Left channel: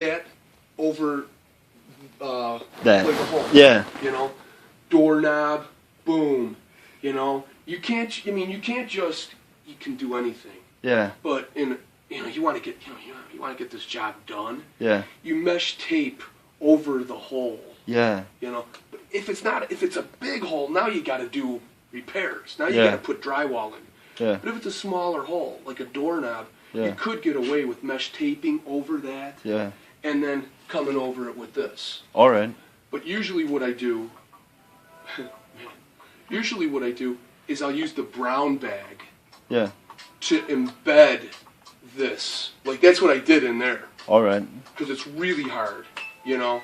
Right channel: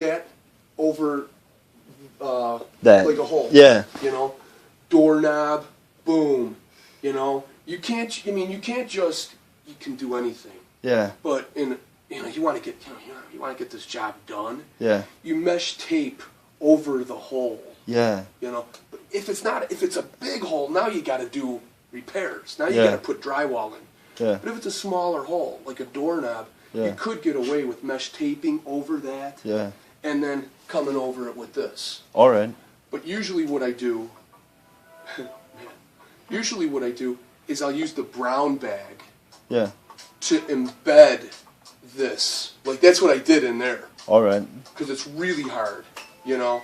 that over That. like a hole. Yeah. You know, doorknob, boom. You know, you can't. I mean, you can't just. You can do anything. Yeah. But you want to get you want to get this job done. Yeah. You mesh tape over the hole. Yeah. You know, but if it's a big hole, now you got to do repairs. Now you Yeah. got to put drywall in. Yeah. But if it's a smaller hole, like a doorknob, Yeah. you could get away with mesh taping over that. Yeah. And then coming over it with this. All right. But usually what I do is I'll use the brown bag Yeah. to embed this. Like, that's what I did in there. All right. Because it's really hard, you know?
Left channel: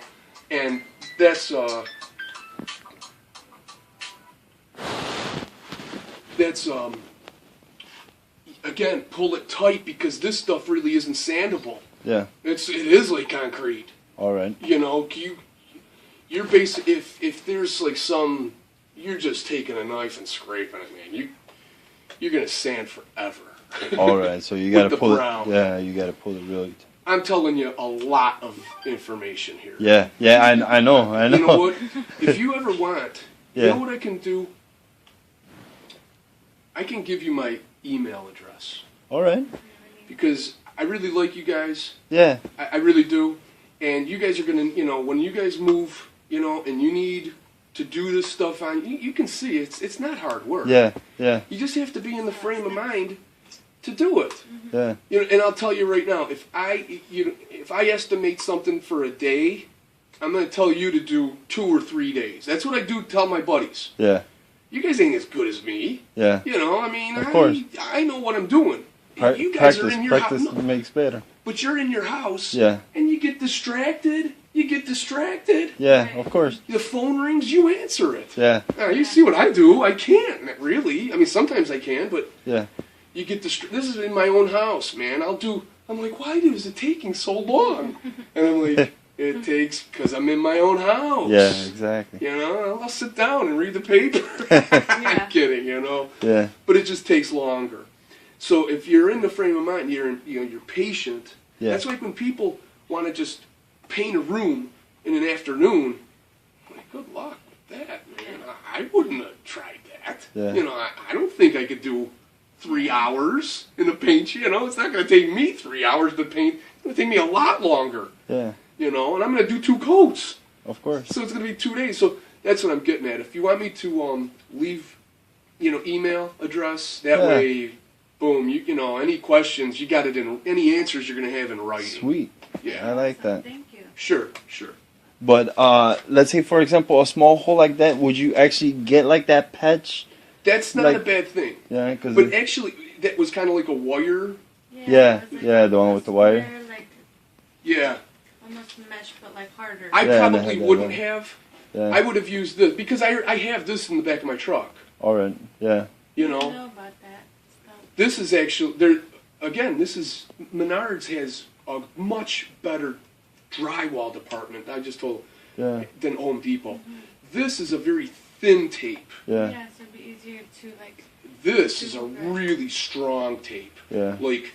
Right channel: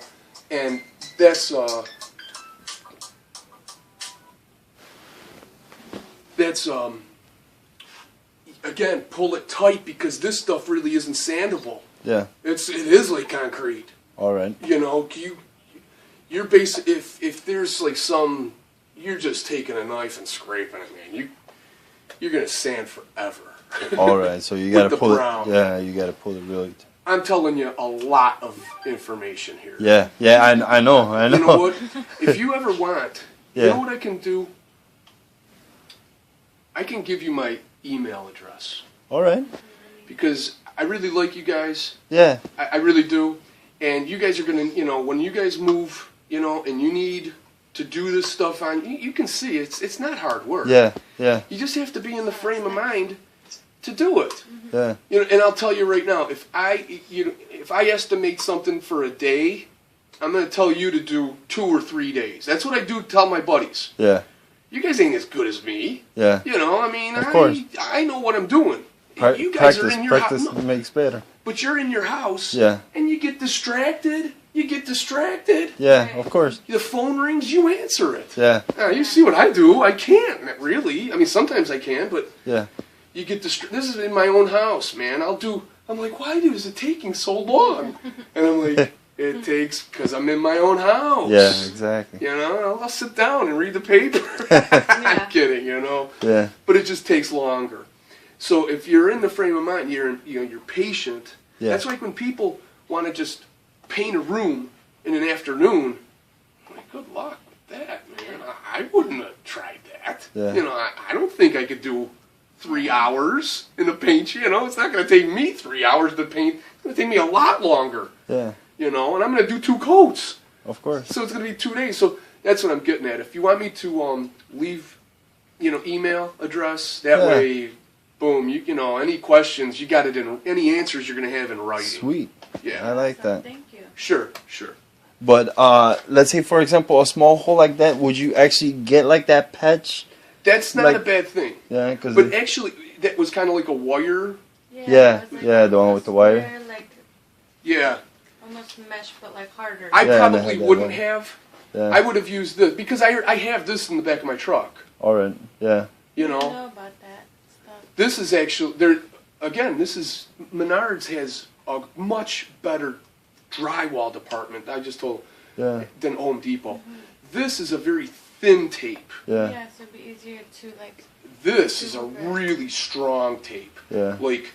And that's again, pull it tight because this stuff really isn't sandable. Yeah. It is like concrete. All right. You know, you're basic. If there's like some, you're just taking a knife and scraping it, man. You're gonna sand forever. All right. So you gotta With the pull brown. it. Yeah. You gotta pull it really. I'm telling you a lot of information here. Yeah. Yeah. I know. I know. You know what? If you ever want, you Yeah. know what I can do? I can give you my email address All right. because I really like you guys. Yeah. I really do. And you guys are going to, you know, when you guys move, you know, and you need to do this stuff on, you can see it's not hard work. Yeah. Yeah. You just have to be in the frame of mind to do it. Yeah. You know, and I'll tell you right now, if I estimate something for a day, I'm going to tell you to do 2 or 3 days. That's what I do tell my buddies. Yeah. You guys ain't as good as me. Yeah. You know, I mean, Of course. I know what I'm doing. You guys are in your house. Practice makes better. But you're in your house, Yeah. and you get distracted. Yeah. Of course. The phone rings, you answer it. Yeah. Now, you see what I do. I can't, really. I mean, sometimes I can, but Yeah. you get distracted. This is in my own house, man. I'm like, why is it taking so long? And I'm like, it takes, because I'm in my own house. Yeah. Exactly. You know, I'll sit down and read the paper. I'm kidding, you know. Yeah. But it just takes longer. So if you're in the frame of mind, you're patient. Yeah. That's like when people want to just paint a room in an afternoon. I'm like, good luck with that, man. I wouldn't have tried that. Yeah. You know, I don't think I could do 3 hours in the paint. You know, it's not going to take me 3 hours to paint. It's going to take me a lot longer. Yeah. You know, and I'm going to do 2 coats. Of course. So it's going to be 2 days. So that's what I'm getting at. If you want me to leave, email address, that Yeah. way, boom, you know, any questions, you got it in, any answers you're going to have in writing. Sweet. Yeah. I like that. Thank you. Sure. But let's say, for example, a small hole like that, would you actually get like that patch? That's not Like- a bad thing. Yeah, because But actually, that was kind of like a wire. Yeah, it was yeah, the one with the wire. square, like Yeah. almost mesh, but like harder. I Yeah, probably and I had that wouldn't one. have. Yeah. I would have used this because I have this in the back of my truck. All right. Yeah. You I know, know about that stuff. this is actually there. Again, this is Menards has a much better drywall department. I just told Yeah. than Home Depot. This is a very thin tape. Yeah. Yeah, so it'd be easier to like. This is a really strong tape. Yeah. Like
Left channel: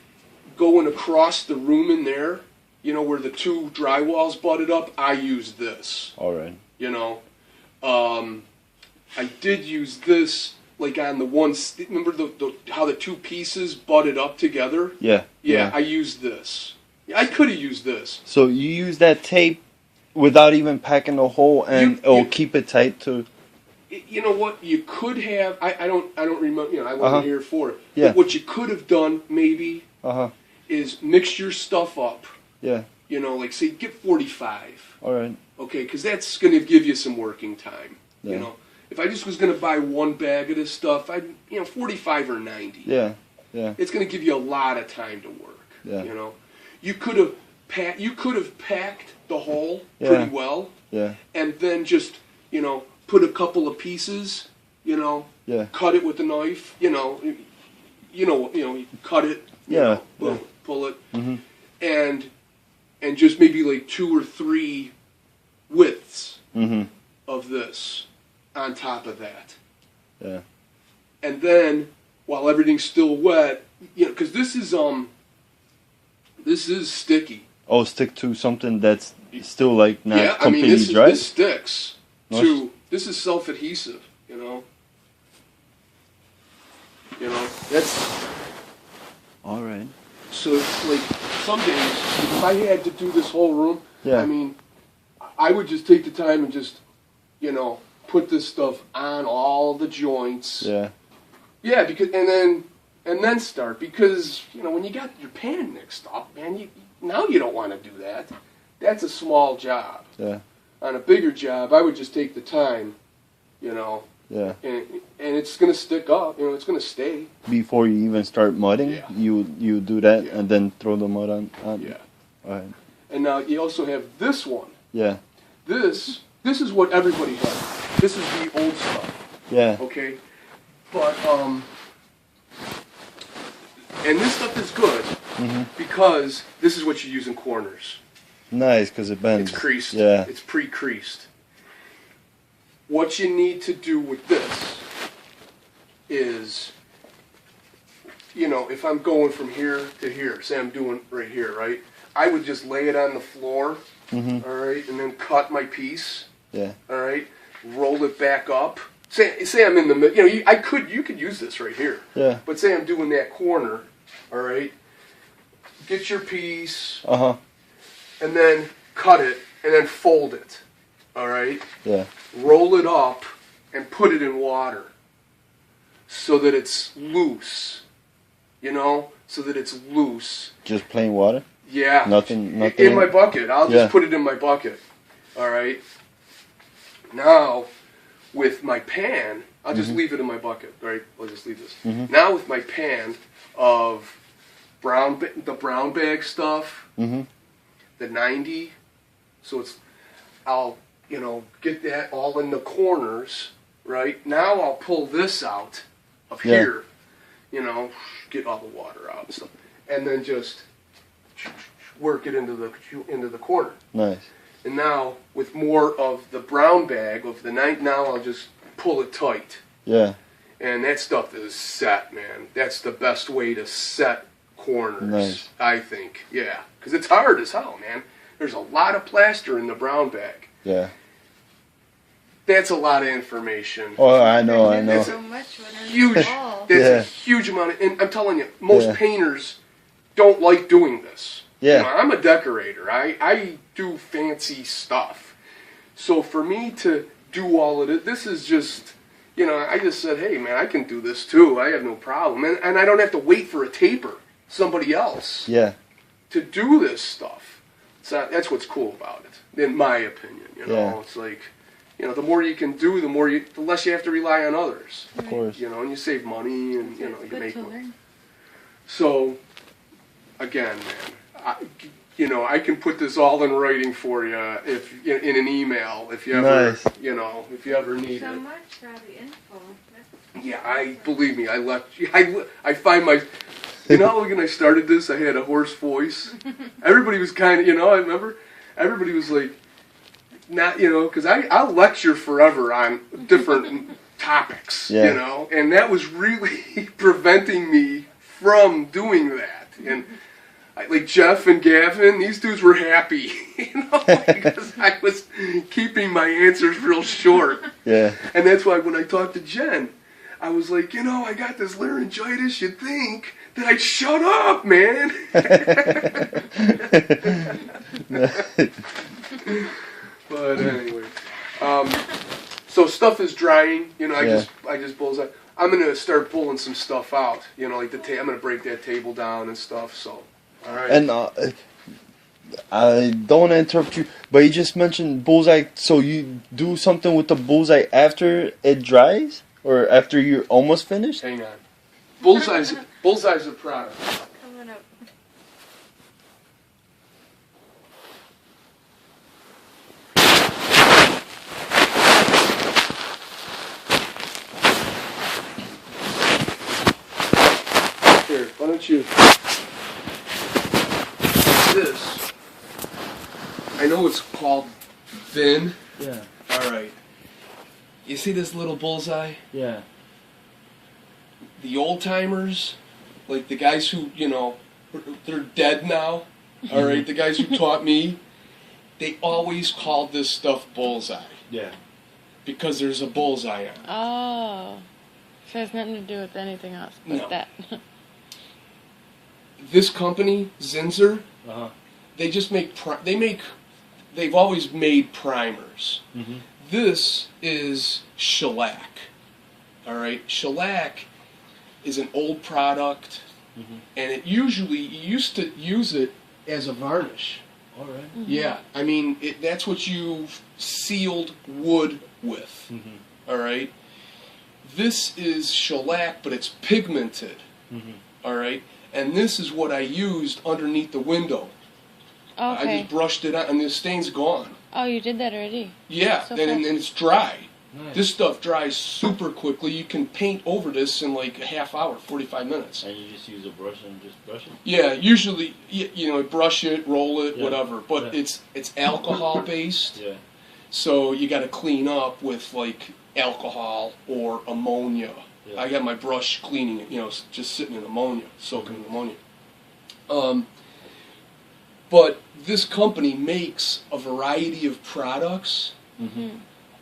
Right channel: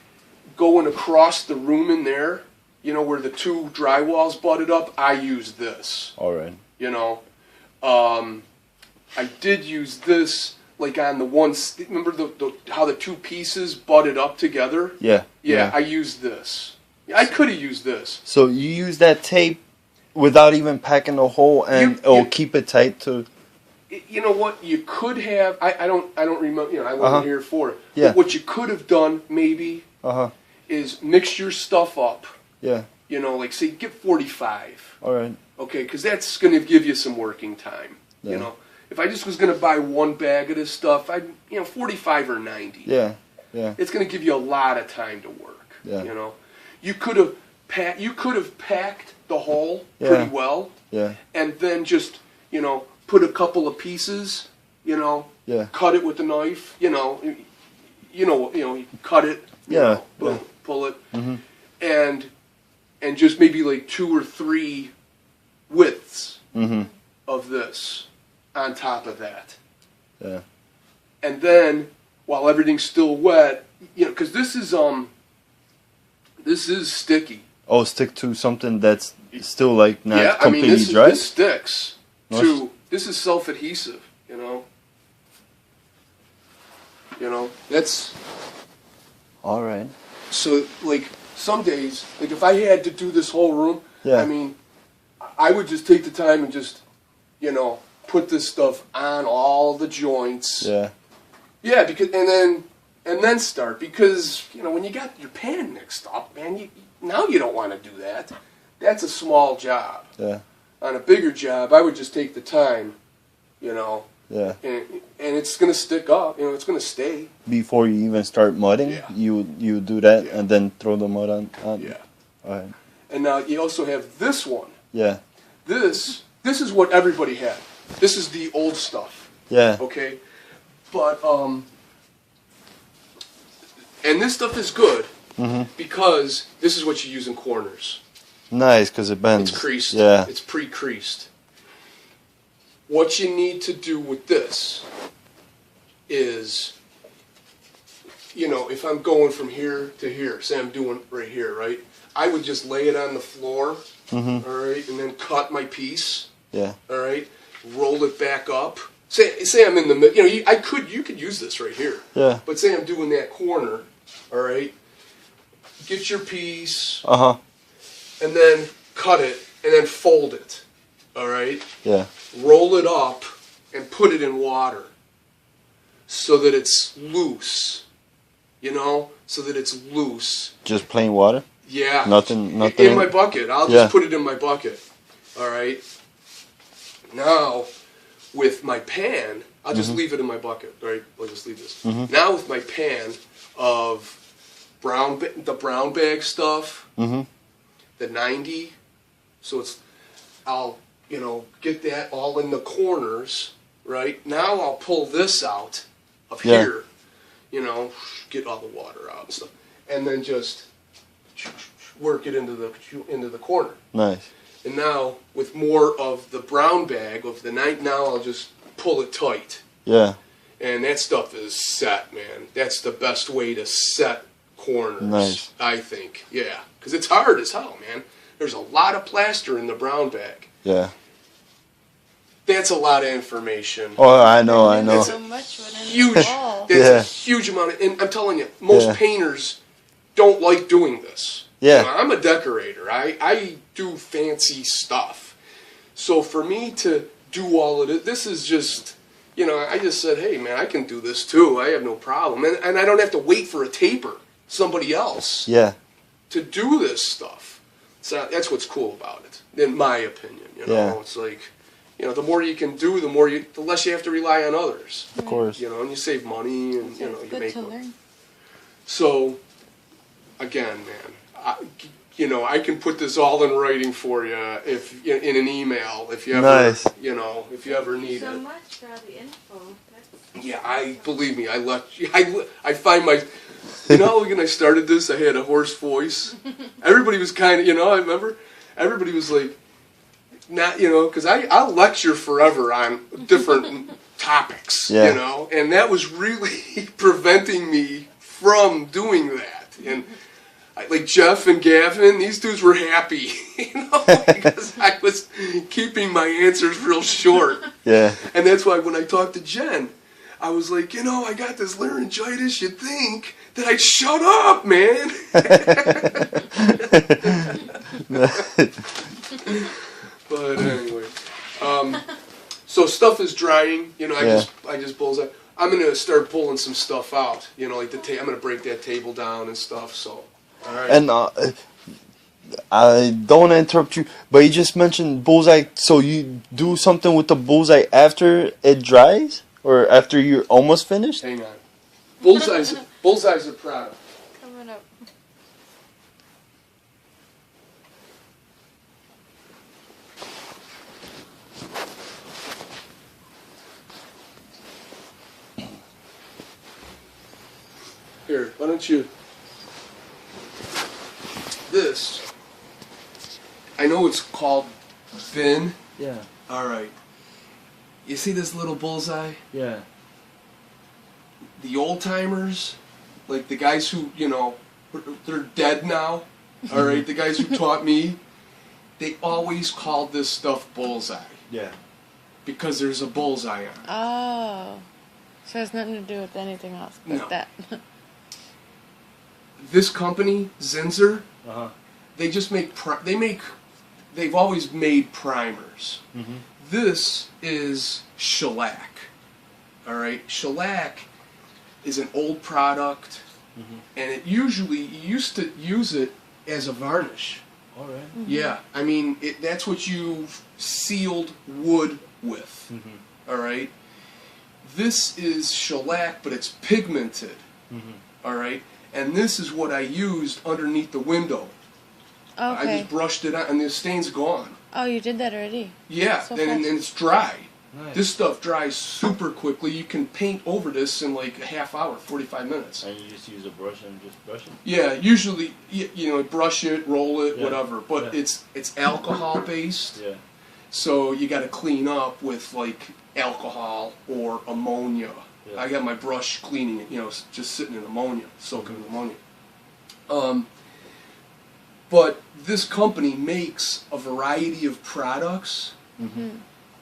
going across the room in there, you know, where the 2 drywalls butted up, I use this. All right. You know, I did use this like on the one. Remember how the 2 pieces butted up together? Yeah. Yeah, I used this. I could have used this. So you use that tape without even packing a hole, and it'll keep it tight to. You know what? You could have. I don't remember. You know, I wasn't here for it. Yeah. But what you could have done maybe is mix your stuff up. Yeah. You know, like say get 45. All right. Okay, because that's going to give you some working time. Yeah. You know, if I just was going to buy one bag of this stuff, 45 or 90. Yeah. Yeah. It's going to give you a lot of time to work. Yeah. You know, you could have packed the hole Yeah. pretty well, Yeah. and then just put a couple of pieces. Yeah. Cut it with a knife. You cut it. You Yeah. know, boom, pull it, Mhm. and just maybe like 2 or 3 widths Mhm. of this on top of that. Yeah. And then while everything's still wet, because this is sticky. Oh, stick to something that's still like not Yeah, I mean completely dry. this sticks to this is self-adhesive. That's All right. so like some days like, if I had to do this whole room, Yeah. I mean, I would just take the time and just put this stuff on all the joints. Yeah. Yeah, because and then start because when you got your pan mixed up, man, now you don't want to do that. That's a small job. Yeah. On a bigger job, I would just take the time, Yeah. and it's gonna stick up. It's gonna stay. Before you even start mudding, Yeah. you do that Yeah. and then throw the mud on. Yeah. All right. And now you also have this one. Yeah. This is what everybody had. This is the old stuff. Yeah. Okay, but and this stuff is good because this is what you use in corners. Nice, because it bends. It's creased. Yeah. It's pre-creased. What you need to do with this is, if I'm going from here to here, say I'm doing right here, right? I would just lay it on the floor, all right, and then cut my piece, Yeah. all right, roll it back up. Say I'm in the middle. You could use this right here. Yeah. But say I'm doing that corner, all right. Get your piece, Uh-huh. and then cut it, and then fold it, all right. Yeah. Roll it up and put it in water so that it's loose, so that it's loose. Just plain water? Yeah. Nothing In my bucket. I'll just Yeah. put it in my bucket. All right. Now, with my pan, I'll just leave it in my bucket. All right. I'll just leave this. Now with my pan of the brown bag stuff, the 90. So I'll get that all in the corners, right? Now I'll pull this out of Yeah. here, get all the water out and stuff, and then just work it into the corner. Nice. And now with more of the brown bag of the night, now I'll just pull it tight, Yeah. and that stuff is set, man. That's the best way to set corners, Nice. I think. Yeah, because it's hard as hell, man. There's a lot of plaster in the brown bag. Yeah. That's a lot of information. Oh, I know. So much within Huge. the wall. That's Yeah. a huge amount of, and I'm telling you, most Yeah. painters don't like doing this. Yeah. I'm a decorator. I do fancy stuff. So for me to do all of it, this is just, I just said, hey man, I can do this too. I have no problem. And I don't have to wait for a taper, somebody else, Yeah. to do this stuff. So that's what's cool about it, in my opinion. Yeah. It's like, the more you can do, the less you have to rely on others. Of course. And you save money and It's you good make to money. learn. So, again, man, I can put this all in writing for you if in an email if you ever Nice. if you ever need So it. much for the info. That's Yeah, believe me, I find my. When I started this, I had a hoarse voice. Everybody was kind of, I remember everybody was like, not, because I'll lecture forever on different topics, Yeah. and that was really preventing me from doing that. And like Jeff and Gavin, these dudes were happy, because I was keeping my answers real short. Yeah. And that's why when I talked to Jen, I was like, I got this laryngitis. You'd think that I'd shut up, man. But anyway, so stuff is drying. I just bullseye. I'm gonna start pulling some stuff out. Like I'm gonna break that table down and stuff. So, all right. And I don't want to interrupt you, but you just mentioned bullseye. So you do something with the bullseye after it dries, or after you're almost finished? Hang on. Bullseye's a product. coming up. Here, why don't you? This. I know it's called thin. Yeah. All right. You see this little bullseye? Yeah. The old timers, like the guys who they're dead now. All right, the guys who taught me, they always called this stuff bullseye Yeah. because there's a bullseye on it. Oh. So it has nothing to do with anything else but No. that. This company, Zinsser, Uh-huh. they just make they've always made primers. Mm-hmm. This is shellac. All right, shellac is an old product, Mm-hmm. and you used to use it as a varnish. All right. Yeah, I mean that's what you sealed wood with. Mm-hmm. All right, this is shellac, but it's pigmented. Mm-hmm. All right, and this is what I used underneath the window. I Okay. just brushed it out, and the stain's gone. Oh, you did that already? Yeah, So then and fast. it's dry. Nice. This stuff dries super quickly. You can paint over this in like a half hour, 45 minutes. And you just use a brush and just brush it? Yeah, usually you know brush it, roll it, Yeah, whatever. But yeah. it's alcohol based, Yeah. so you got to clean up with like alcohol or ammonia. Yeah. I got my brush cleaning it, you know, just sitting in ammonia, soaking in ammonia. But this company makes a variety of products, Mm-hmm.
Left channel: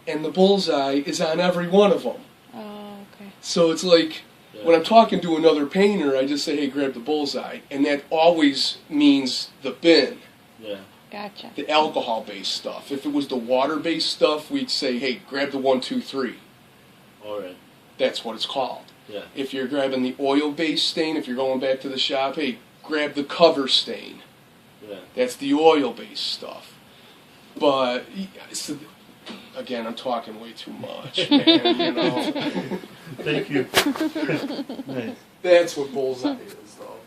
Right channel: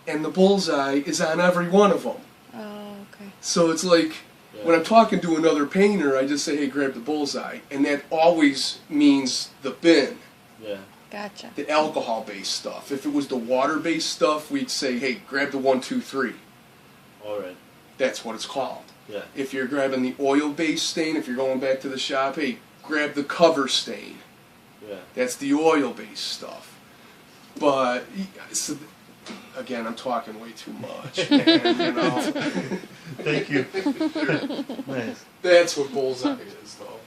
and the bullseye is on every one of them. Oh, okay. So it's like Yeah. when I'm talking to another painter, I just say, "Hey, grab the bullseye," and that always means the bin, Yeah. Gotcha. the alcohol-based stuff. If it was the water-based stuff, we'd say, "Hey, grab the 1, 2, 3." All right. That's what it's called. Yeah. If you're grabbing the oil-based stain, if you're going back to the shop, hey, grab the cover stain. Yeah. That's the oil-based stuff. But so, again, I'm talking way too much, man. You know, Thank you. Nice. that's what bullseye is, though.